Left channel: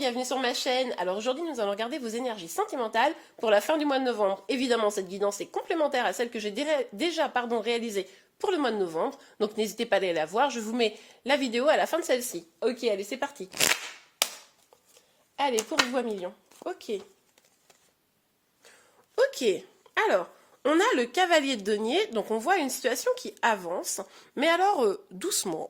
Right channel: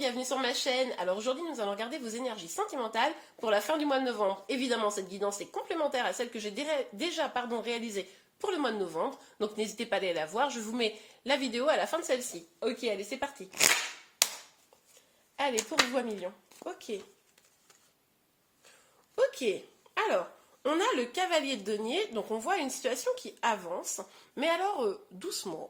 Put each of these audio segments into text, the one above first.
bienvenue sur ma chaîne. Alors aujourd'hui nous allons regarder vos énergies sentimentales pour la fin du mois de novembre. Évidemment cette guidance est complémentaire à celle que j'ai déjà réalisée pour le mois de novembre. Donc n'hésitez pas à aller la voir, je vous mets la vidéo à la fin de celle-ci. Ok, allez c'est parti. Allez pour les voix millions. Ok. Ok, alors on a le cavalier de denier, donc on voit une situation qui avance, mais alors doucement.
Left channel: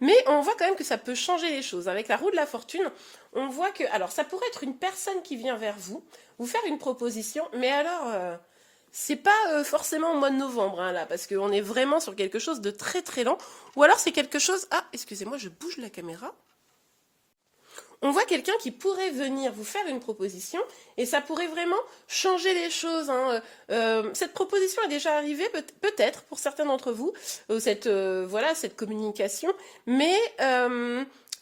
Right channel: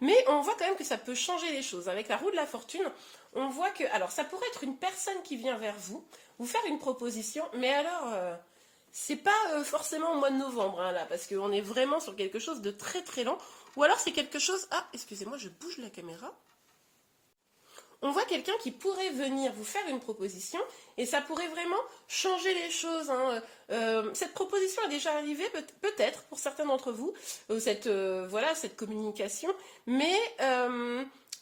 Mais on voit quand même que ça peut changer les choses. Avec la roue de la fortune, on voit que, alors ça pourrait être une personne qui vient vers vous, vous faire une proposition, mais alors c'est pas forcément au mois de novembre hein, là, parce qu'on est vraiment sur quelque chose de très très lent. Ou alors c'est quelque chose, ah excusez-moi je bouge la caméra. On voit quelqu'un qui pourrait venir vous faire une proposition et ça pourrait vraiment changer les choses. Hein. Cette proposition est déjà arrivée, peut-être pour certains d'entre vous, voilà, cette communication, mais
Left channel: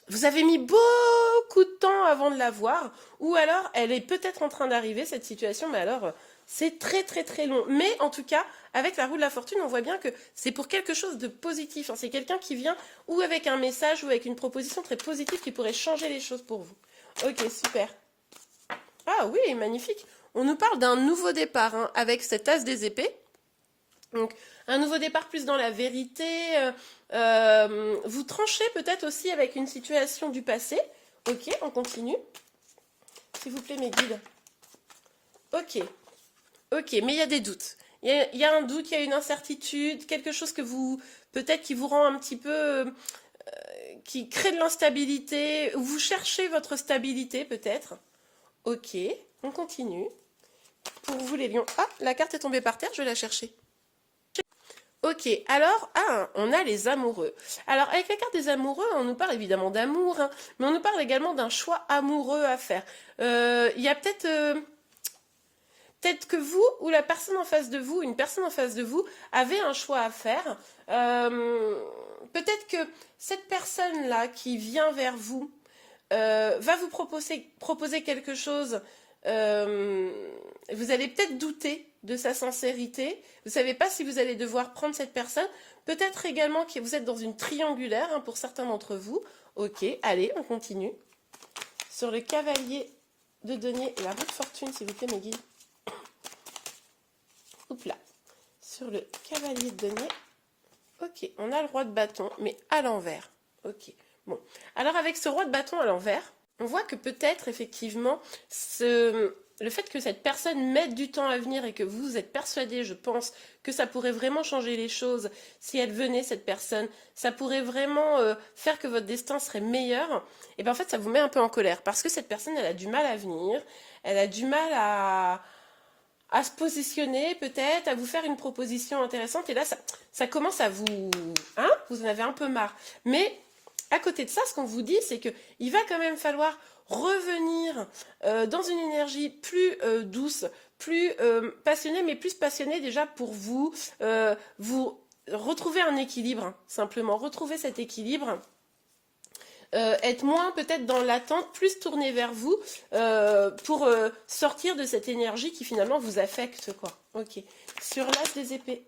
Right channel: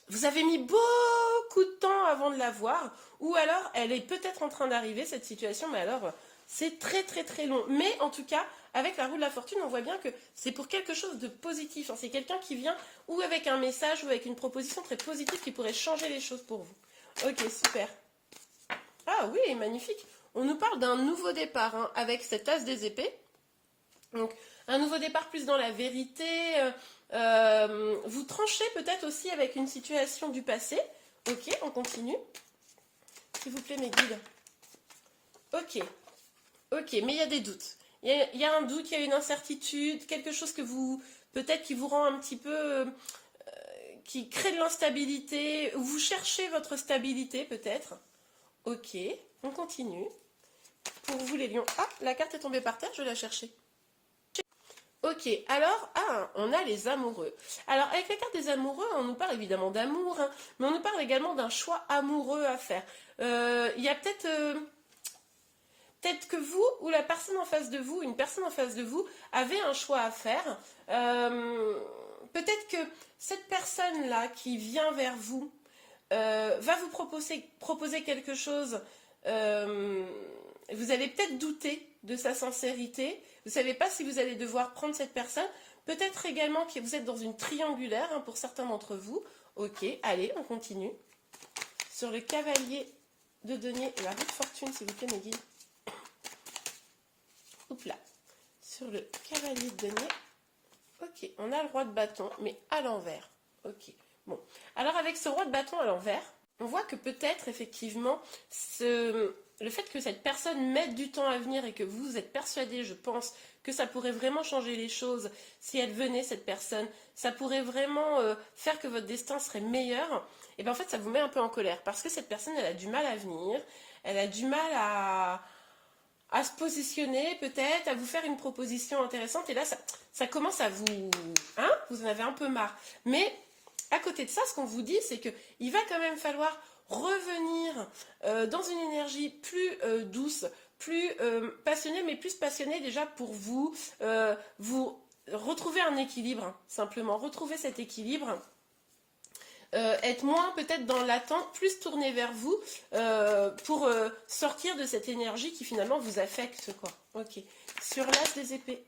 vous avez mis beaucoup de temps avant de la voir, ou alors elle est peut-être en train d'arriver, cette situation, mais alors c'est très très très long. Mais en tout cas, avec la roue de la fortune, on voit bien que c'est pour quelque chose de positif. Hein. C'est quelqu'un qui vient ou avec un message ou avec une proposition très positive qui pourrait changer les choses pour vous. Ok, super. Ah oui, magnifique. On nous parle d'un nouveau départ hein, avec cet as des épées. Donc, un nouveau départ plus dans la vérité. Vous tranchez peut-être aussi avec une situation du passé. Ok, on continue. S'il vous plaît, mes guides. Ok. Ok, mais il y a des doutes. Il y a un doute, il y a une incertitude, quelque chose que vous, peut-être qui vous rend un petit peu, qui crée de l'instabilité. Vous cherchez votre stabilité peut-être. Ok, on continue. Pour vous les lions. Ah, la carte est tombée par terre, je vais la chercher. Ok, alors, on a les amoureux. Alors, avec la carte des amoureux, on nous parle évidemment d'amour, hein, mais on nous parle également d'un choix amoureux à faire. Il y a peut-être que vous ou la personne en face de vous, une personne en face de vous, avez un choix à faire. Peut-être que cette personne-là qui vient vers vous va vous proposer quelque chose. Vous allez peut-être douter de sa sincérité. Vous ne savez pas si vous allez devoir prendre cette personne. Peut-être également que vous êtes dans une triangulaire hein, pour certains d'entre vous. Ok, allez, on continue. Sur le cavalier de denier et la roue de fortune, s'il vous plaît, mes guides. Oups là. Sur le cavalier de denier. Ok, on a le roi de bâton, mais à l'envers. Ok, bon. Alors avec ce roi de bâton à l'envers, on voit que peut-être effectivement, le fait que cette personne mette du temps à venir et que vous êtes persuadé, je pense, que ça pourrait vraiment changer les choses si elle venait, cette personne, ça pourrait vraiment faire que votre destin serait meilleur, et bien en fait ça vous met un peu en colère, parce que cette personne, elle a du mal à venir, elle a du mal à se positionner peut-être, à vous faire une proposition intéressante. Et là, ça commence à vous... Hein, vous en avez un peu marre. Mais à côté de ça, ce qu'on vous dit, c'est qu'il va quand même falloir revenir dans une énergie plus douce, plus passionnée, mais plus passionnée déjà pour vous. Vous retrouvez un équilibre, hein, simplement. Retrouver cet équilibre. Être moins peut-être dans l'attente, plus tourner vers vous pour sortir de cette énergie qui finalement vous affecte. Quoi. Ok. Sur l'as des épées.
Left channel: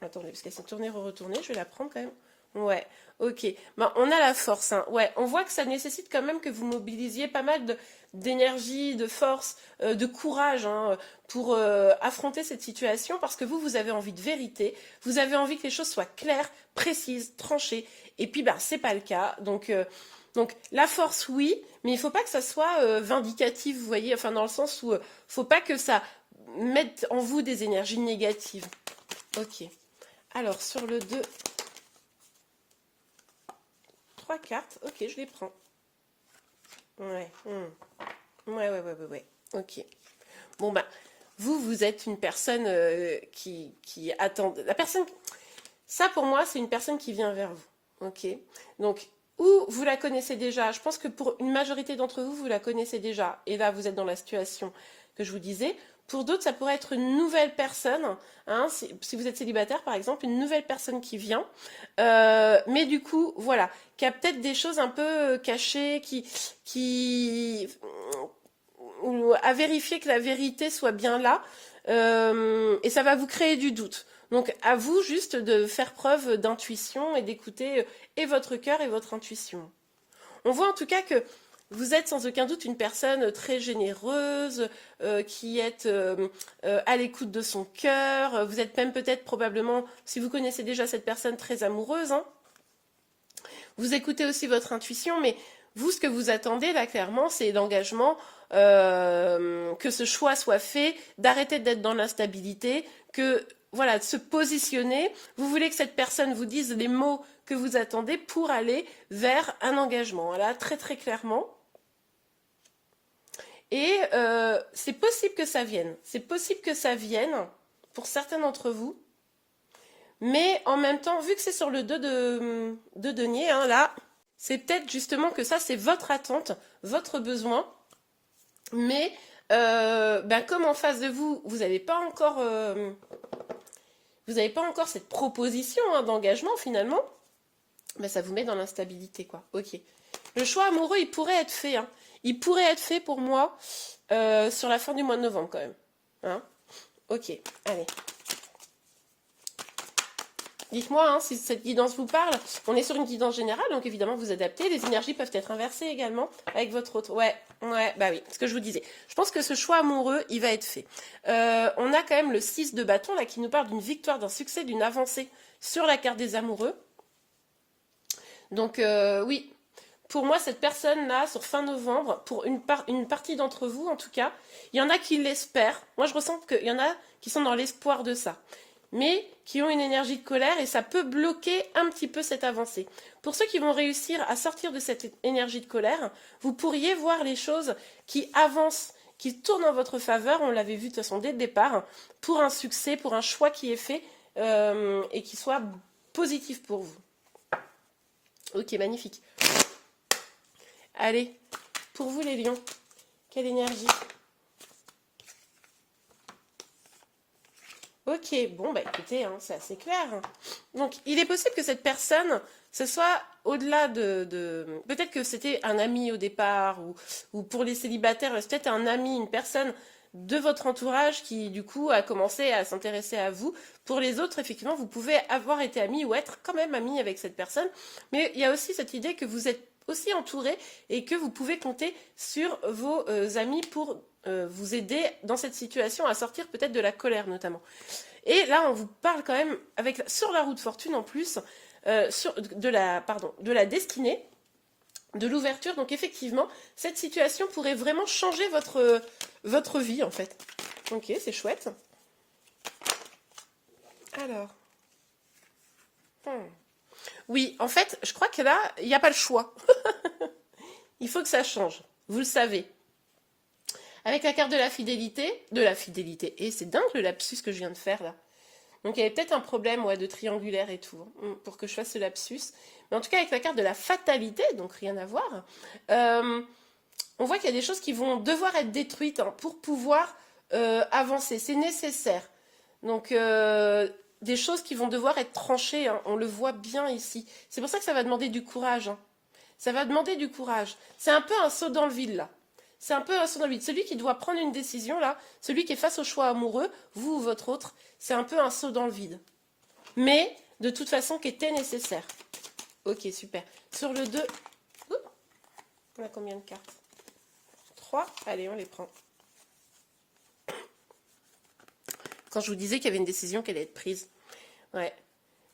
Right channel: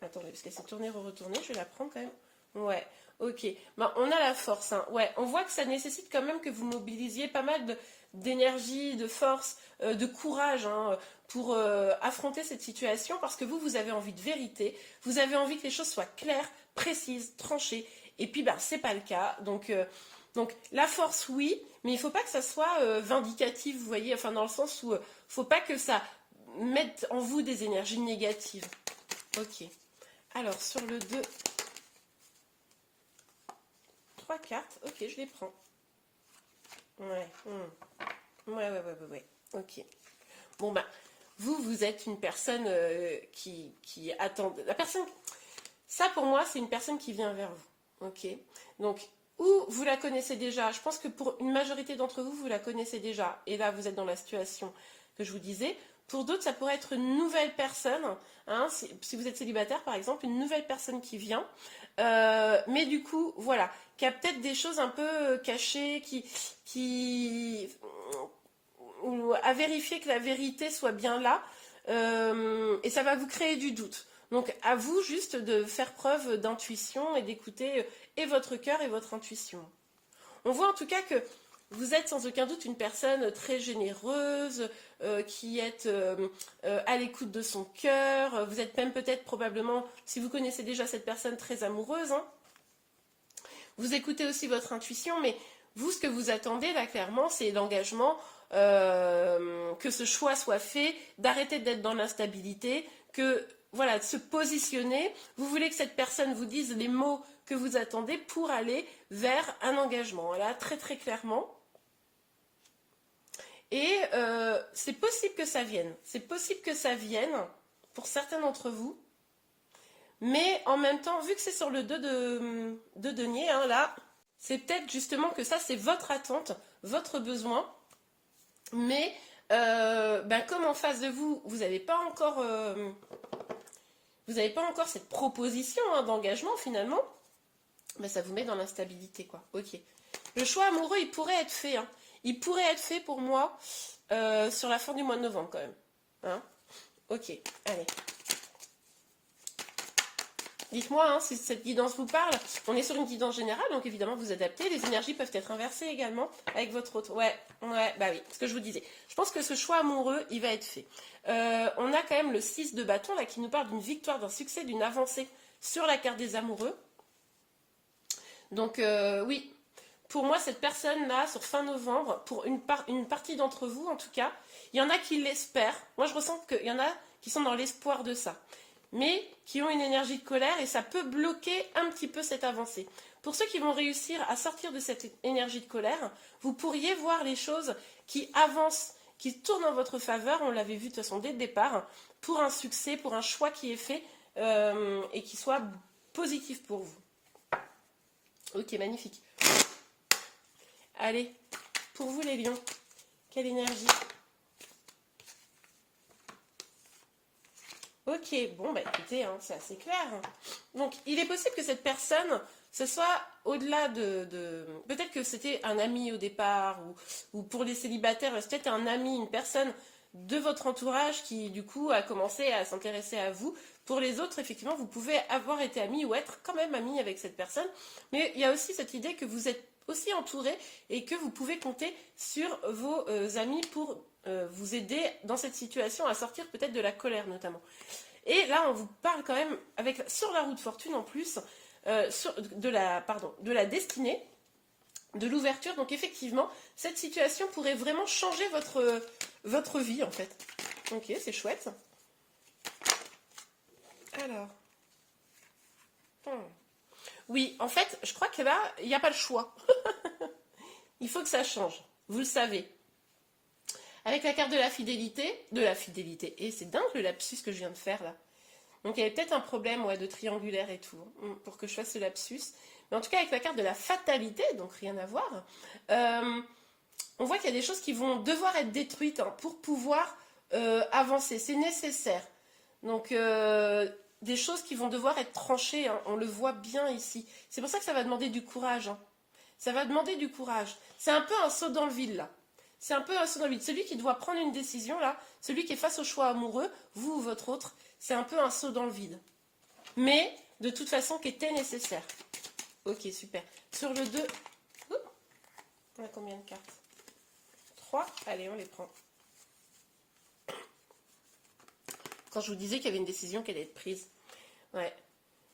Attendez, parce qu'elle s'est tournée, retournée, je vais la prendre quand même. Ouais, ok. Ben, on a la force. Hein. Ouais, on voit que ça nécessite quand même que vous mobilisiez pas mal d'énergie, de force, de courage hein, pour affronter cette situation parce que vous avez envie de vérité, vous avez envie que les choses soient claires, précises, tranchées. Et puis, ben, c'est pas le cas. Donc la force, oui, mais il ne faut pas que ça soit vindicatif, vous voyez, enfin dans le sens où il ne faut pas que ça mette en vous des énergies négatives. Ok. Alors, sur le 2, 3 cartes. Ok, je les prends. Ouais. Ouais. Ok. Bon, ben, vous êtes une personne qui attend... La personne... Ça, pour moi, c'est une personne qui vient vers vous. Ok. Donc... Ou vous la connaissez déjà. Je pense que pour une majorité d'entre vous, vous la connaissez déjà. Et là, vous êtes dans la situation que je vous disais. Pour d'autres, ça pourrait être une nouvelle personne. Hein, si vous êtes célibataire, par exemple, une nouvelle personne qui vient. Mais du coup, voilà, qui a peut-être des choses un peu cachées, qui à vérifier que la vérité soit bien là. Et ça va vous créer du doute. Donc à vous juste de faire preuve d'intuition et d'écouter et votre cœur et votre intuition. On voit en tout cas que Vous êtes sans aucun doute une personne très généreuse, qui est à l'écoute de son cœur. Vous êtes même peut-être probablement, si vous connaissez déjà cette personne, très amoureuse, hein. Vous écoutez aussi votre intuition, mais vous, ce que vous attendez là, clairement, c'est l'engagement, que ce choix soit fait, d'arrêter d'être dans l'instabilité, que voilà, de se positionner. Vous voulez que cette personne vous dise les mots que vous attendez pour aller vers un engagement. Voilà, très très clairement. Et c'est possible que ça vienne. C'est possible que ça vienne pour certains d'entre vous. Mais en même temps, vu que c'est sur le 2 de denier, hein, là, c'est peut-être justement que ça, c'est votre attente, votre besoin. Mais comme en face de vous, vous n'avez pas encore cette proposition, hein, d'engagement finalement, ben, ça vous met dans l'instabilité, quoi. Ok. Le choix amoureux, il pourrait être fait, hein. Il pourrait être fait pour moi sur la fin du mois de novembre quand même. Hein, ok, allez. Dites-moi, hein, si cette guidance vous parle. On est sur une guidance générale, donc évidemment vous adaptez. Les énergies peuvent être inversées également avec votre autre. Ouais, bah oui, ce que je vous disais. Je pense que ce choix amoureux, il va être fait. On a quand même le 6 de bâton là qui nous parle d'une victoire, d'un succès, d'une avancée sur la carte des amoureux. Donc oui, pour moi cette personne-là, sur fin novembre, pour une partie d'entre vous en tout cas, il y en a qui l'espèrent. Moi je ressens qu'il y en a qui sont dans l'espoir de ça, mais qui ont une énergie de colère et ça peut bloquer un petit peu cette avancée. Pour ceux qui vont réussir à sortir de cette énergie de colère, vous pourriez voir les choses qui avancent, qui tournent en votre faveur, on l'avait vu de toute façon dès le départ, pour un succès, pour un choix qui est fait et qui soit positif pour vous. Ok, magnifique. Allez, pour vous les lions, quelle énergie? Ok, bon, bah écoutez, hein, c'est assez clair. Donc, il est possible que cette personne, ce soit au-delà de... Peut-être que c'était un ami au départ, ou pour les célibataires, c'est peut-être un ami, une personne de votre entourage qui, du coup, a commencé à s'intéresser à vous. Pour les autres, effectivement, vous pouvez avoir été ami ou être quand même ami avec cette personne. Mais il y a aussi cette idée que vous êtes aussi entouré et que vous pouvez compter sur vos amis pour vous aider dans cette situation à sortir peut-être de la colère notamment. Et là, on vous parle quand même sur la roue de fortune en plus de la destinée, de l'ouverture. Donc effectivement, cette situation pourrait vraiment changer votre vie en fait. Ok, c'est chouette. Alors. Oui, en fait, je crois que là, il n'y a pas le choix. Il faut que ça change. Vous le savez. Avec la carte de la fidélité, et c'est dingue le lapsus que je viens de faire là. Donc il y avait peut-être un problème de triangulaire et tout, pour que je fasse ce lapsus. Mais en tout cas, avec la carte de la fatalité, donc rien à voir, on voit qu'il y a des choses qui vont devoir être détruites pour pouvoir avancer. C'est nécessaire. Donc des choses qui vont devoir être tranchées, on le voit bien ici. C'est pour ça que ça va demander du courage. Ça va demander du courage. C'est un peu un saut dans le vide là. C'est un peu un saut dans le vide. Celui qui doit prendre une décision là, celui qui est face au choix amoureux, vous ou votre autre, c'est un peu un saut dans le vide. Mais de toute façon qui était nécessaire. Ok, super. Sur le 2, on a combien de cartes? 3. Allez, on les prend. Quand je vous disais qu'il y avait une décision qui allait être prise. Ouais.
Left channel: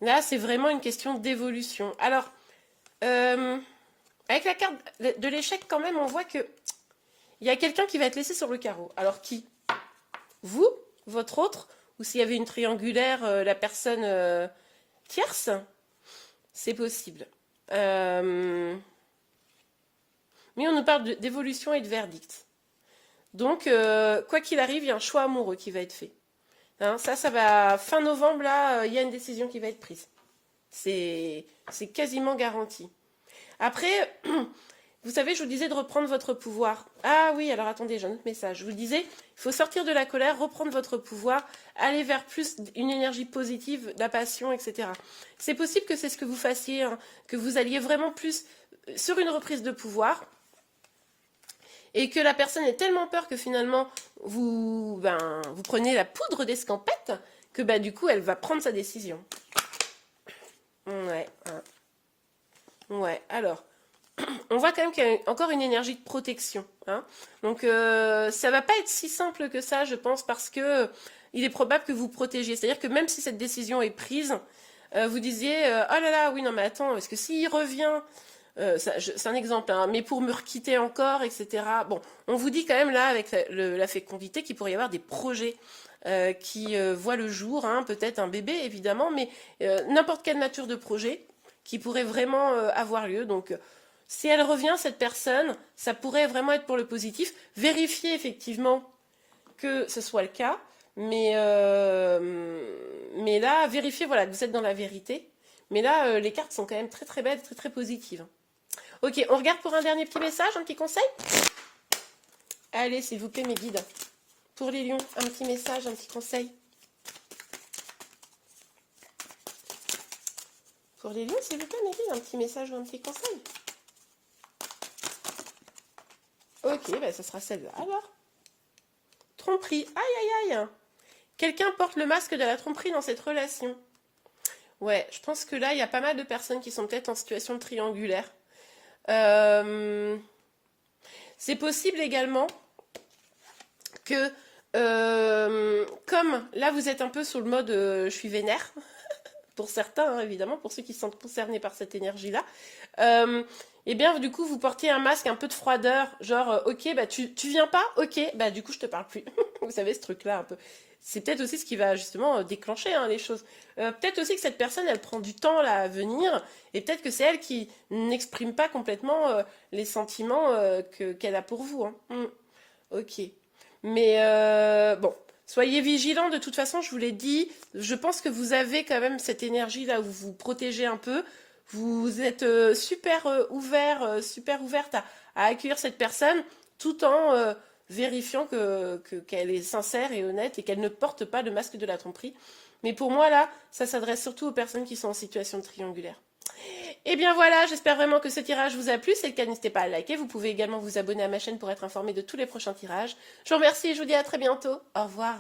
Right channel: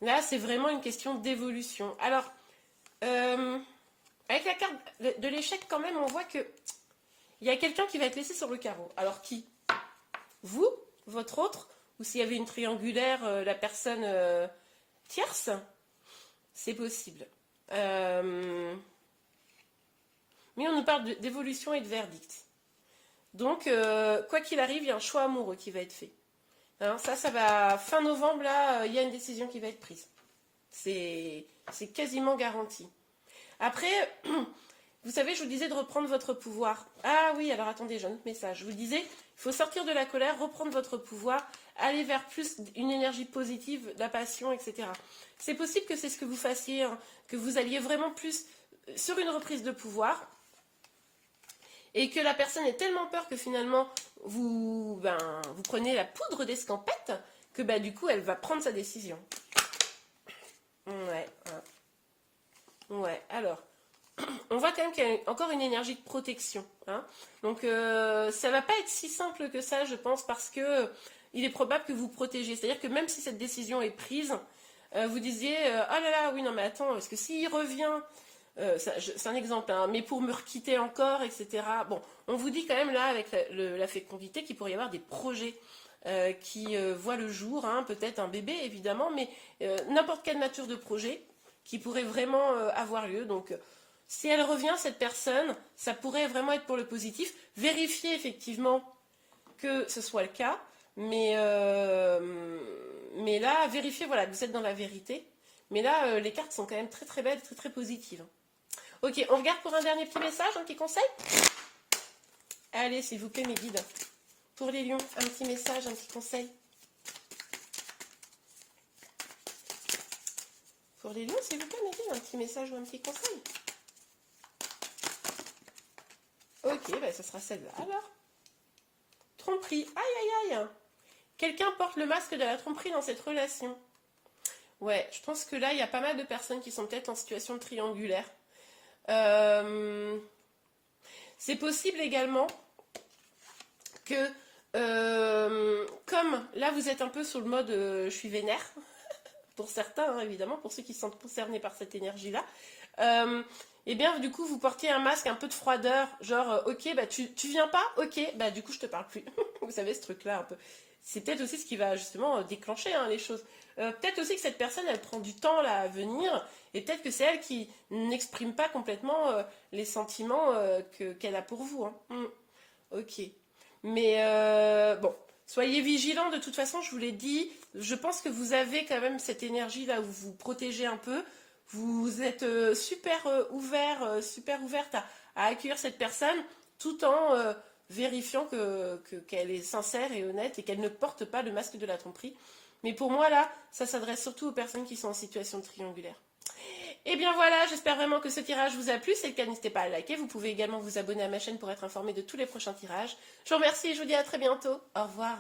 Là, c'est vraiment une question d'évolution. Alors, avec la carte de l'échec, quand même, on voit que il y a quelqu'un qui va être laissé sur le carreau. Alors, qui? Vous? Votre autre? Ou s'il y avait une triangulaire, la personne tierce? C'est possible. Mais on nous parle d'évolution et de verdict. Donc, quoi qu'il arrive, il y a un choix amoureux qui va être fait. Ça va... Fin novembre, là, il y a une décision qui va être prise. C'est quasiment garanti. Après, vous savez, je vous disais de reprendre votre pouvoir. Ah oui, alors attendez, j'ai un autre message. Je vous disais, il faut sortir de la colère, reprendre votre pouvoir, aller vers plus une énergie positive, la passion, etc. C'est possible que c'est ce que vous fassiez, que vous alliez vraiment plus sur une reprise de pouvoir et que la personne ait tellement peur que finalement vous preniez la poudre d'escampette que du coup elle va prendre sa décision. Ouais, alors, on voit quand même qu'il y a encore une énergie de protection, hein. Donc ça va pas être si simple que ça, je pense, parce que il est probable que vous protégiez. C'est-à-dire que même si cette décision est prise, vous disiez oh là là, oui, non, mais attends, parce que s'il revient, c'est un exemple, hein, mais pour me requitter encore, etc. Bon, on vous dit quand même là, avec la fécondité, qu'il pourrait y avoir des projets qui voient le jour, hein, peut-être un bébé évidemment, mais n'importe quelle nature de projet qui pourrait vraiment avoir lieu. Donc, si elle revient, cette personne, ça pourrait vraiment être pour le positif. Vérifiez effectivement que ce soit le cas, mais là, vérifiez voilà, que vous êtes dans la vérité. Mais là, les cartes sont quand même très très belles, très très positives. Ok, on regarde pour un dernier petit message, un petit conseil. Allez, s'il vous plaît, mes guides. Pour les lions, un petit message, un petit conseil. Pour les lions, s'il vous plaît, mes guides, un petit message ou un petit conseil. Ok, bah, ça sera celle-là alors. Tromperie, aïe aïe aïe. Quelqu'un porte le masque de la tromperie dans cette relation. Ouais, je pense que là, il y a pas mal de personnes qui sont peut-être en situation de triangulaire. C'est possible également que, comme là, vous êtes un peu sur le mode je suis vénère, pour certains, hein, évidemment, pour ceux qui sont concernés par cette énergie-là, et bien, du coup, vous portez un masque un peu de froideur, genre, ok, bah, tu viens pas, ok, bah, du coup, je te parle plus. Vous savez, ce truc-là, un peu. C'est peut-être aussi ce qui va justement déclencher hein, les choses. Peut-être aussi que cette personne, elle prend du temps là à venir, et peut-être que c'est elle qui n'exprime pas complètement les sentiments qu'elle a pour vous. Hein. Ok. Mais bon, soyez vigilants. De toute façon, je vous l'ai dit, je pense que vous avez quand même cette énergie là où vous vous protégez un peu. Vous êtes super super ouverte à accueillir cette personne tout en vérifiant qu'elle est sincère et honnête et qu'elle ne porte pas le masque de la tromperie. Mais pour moi, là, ça s'adresse surtout aux personnes qui sont en situation triangulaire. Et bien voilà, j'espère vraiment que ce tirage vous a plu. Si c'est le cas, n'hésitez pas à liker. Vous pouvez également vous abonner à ma chaîne pour être informé de tous les prochains tirages. Je vous remercie et je vous dis à très bientôt. Au revoir.